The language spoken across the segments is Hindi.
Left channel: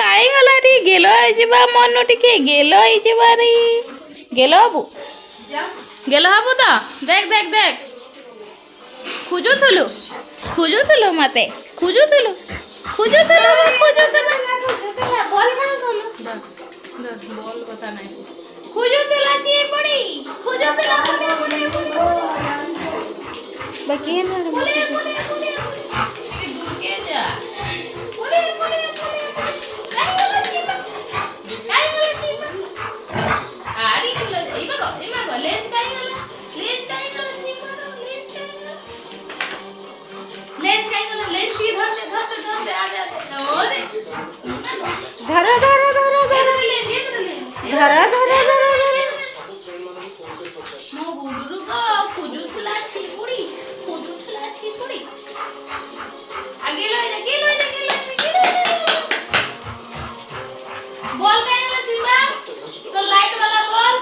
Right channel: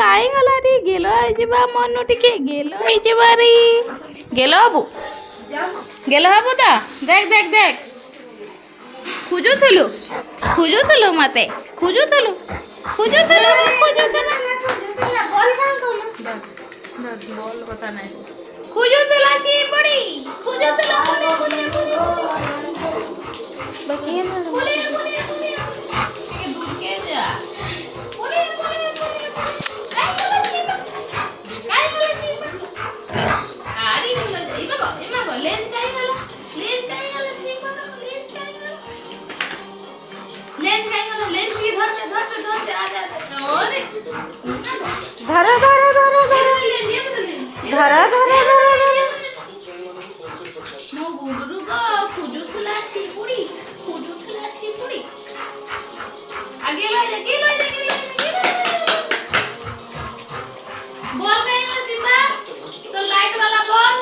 କାଇଁ ଗଲାଟି ଗେଲ ହେଇଯିବା ମନ ଟିକେ ଗେଲ ହେଇଯିବାରି ଗେଲ ହବୁ ତ देख ଖୋଜୁଥିଲୁ ମତେ ଖୋଜୁଥିଲୁ বল কথা নাই খুঁজুতলা চিপড়ি খুঁজুতলা বাকি না দূর কে যা কাই গলা আরে গুলো ইমাগো লেন্স কাই গলা চিপড়ো লেন্স কি ধরতে आ जा अरे धरा मो गुडुरु को खुजुथला छिपुड़ी आगे लो बॉल काई वाला सिम्बा तो लाइट वाला बॉल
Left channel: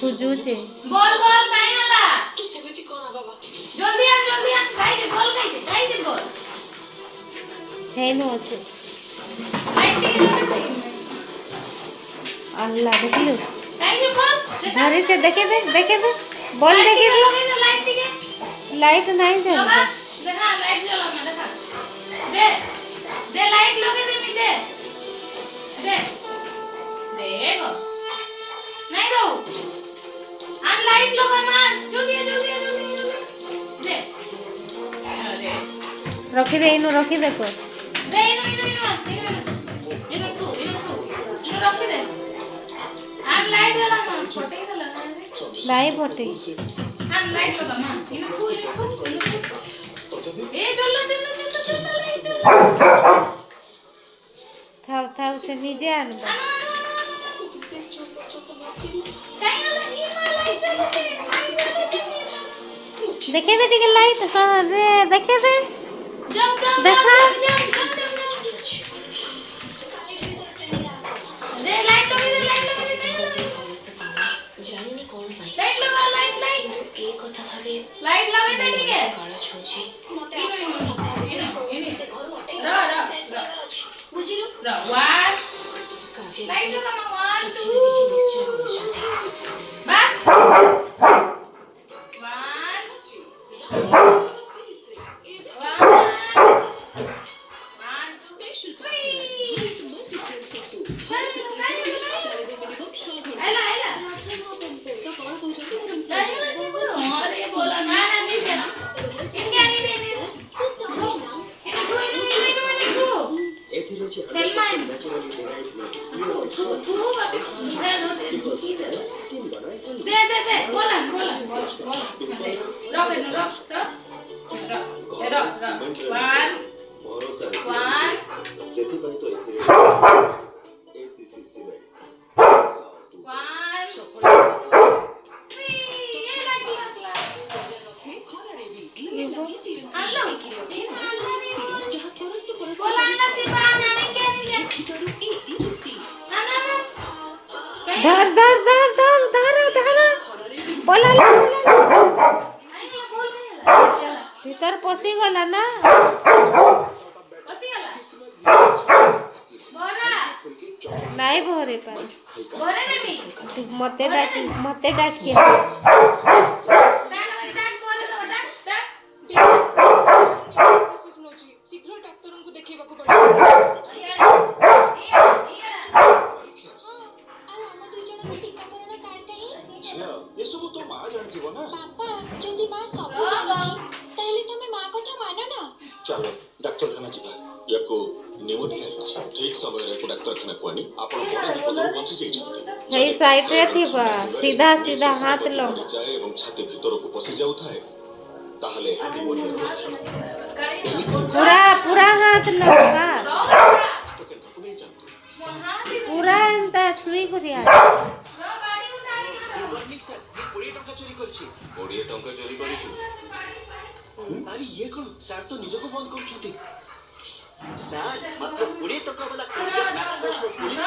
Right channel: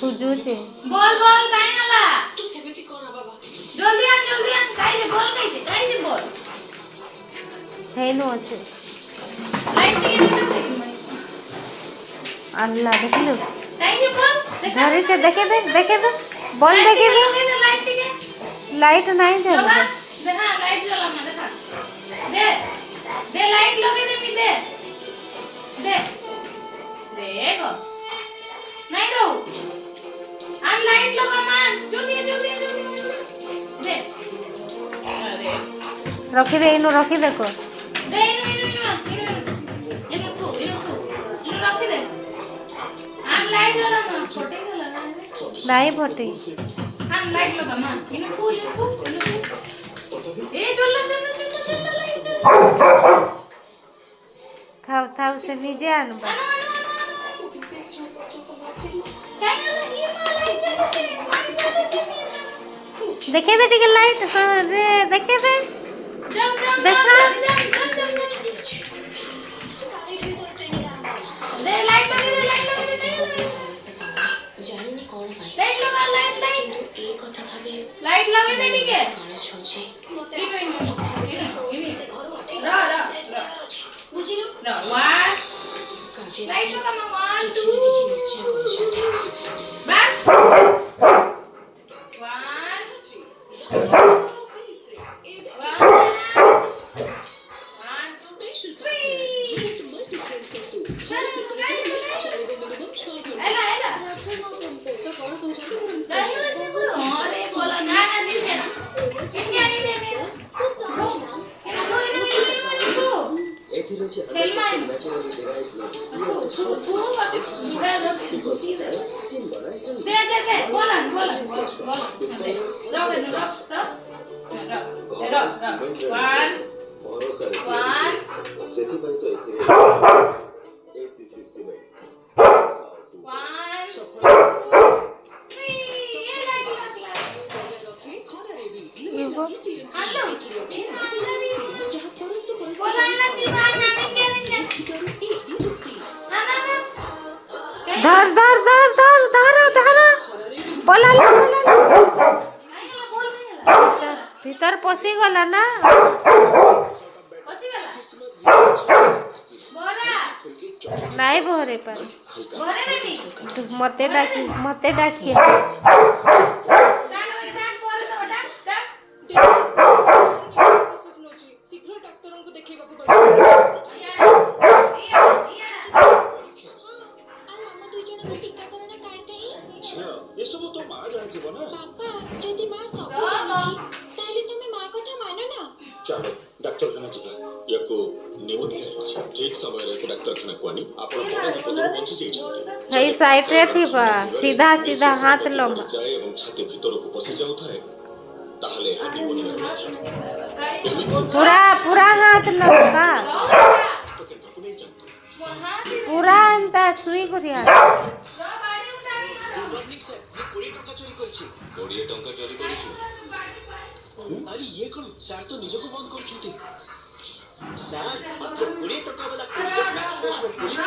खुजुचे बॉल काई वाला जल्दी आन काई जे बॉल है नो अच्छे लाइट के अल्लाह देख लो काई जे बॉल धरे से देखे दे बॉल देखे दे लाइट नहीं चल रहा देखा लाइट जला मैं देखा दे लाइट लगे दे देखो नहीं दो आन लाइट लगा मान जल्दी दे अरे रखी दे इनो रखी देखो दे इनो रखी दे आन लाइट जला मान फोटे गला नहीं फटे आन लाइट लगा मान इनो फू ए चल लाइट थाव से नीचे आनबा देखे दे टिके लाइट हाँ रे देखे दे देखा दे लाइट लगे दे लाइट लगे दे टिके लाइट लगा 1 2 back धर बोला भीतर पसी गला ना नहीं भरे पार मते डाकी चलो डाक्तरखाना जीवा याको निमोनिया अछि ठीक समय रे डाक्तरखाना को आनी आपण बड़ विपदर बंची जाई छथि हई साइड रे थिबा सीधा हाथ लंबा जाय एवं छाती भीतर को पसी जाउ थाए ताहले निमोनिया पूरा हाथ लंबा पूरा अंता सुई गुरिया 20 टंका चोरी करछि अरे ये कौन सर तो निजो को बंद कर छुटी सर मात्र 20 टका वाला मैक्स फ्रेश रो पुलिस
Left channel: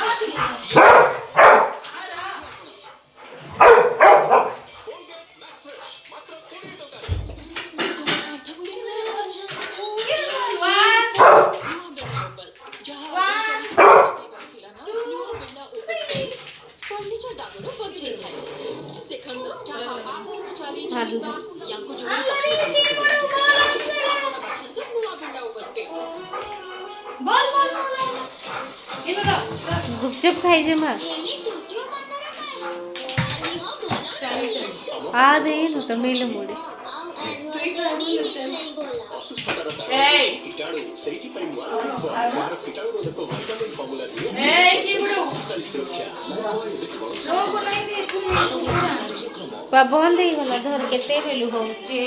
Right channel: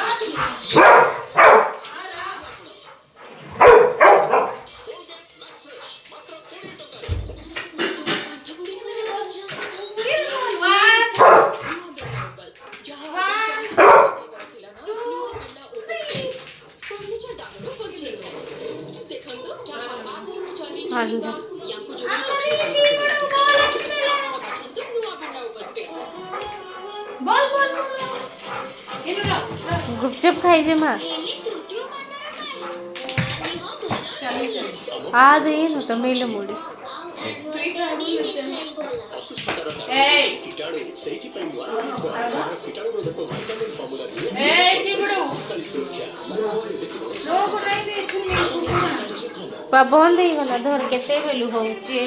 ମାରିବ। ଗୁପଚୁପ ଖାଇଛେ ମା ଆದೇನು ತಮಿಳು ಮೂಡಿ ଅସୁସ୍ଥତାର କାରଣ କୀଟାଣୁ ସେଇଥିପାଇଁ ନୂଆ କୀଟାଣୁ ରୋଧକ ଭାଇଟାମିନ୍ ଫର୍ମୁଲା ବନ୍ଦ ହେଇଗଲା ଧର କେତେବେଲୁ ହଉଛି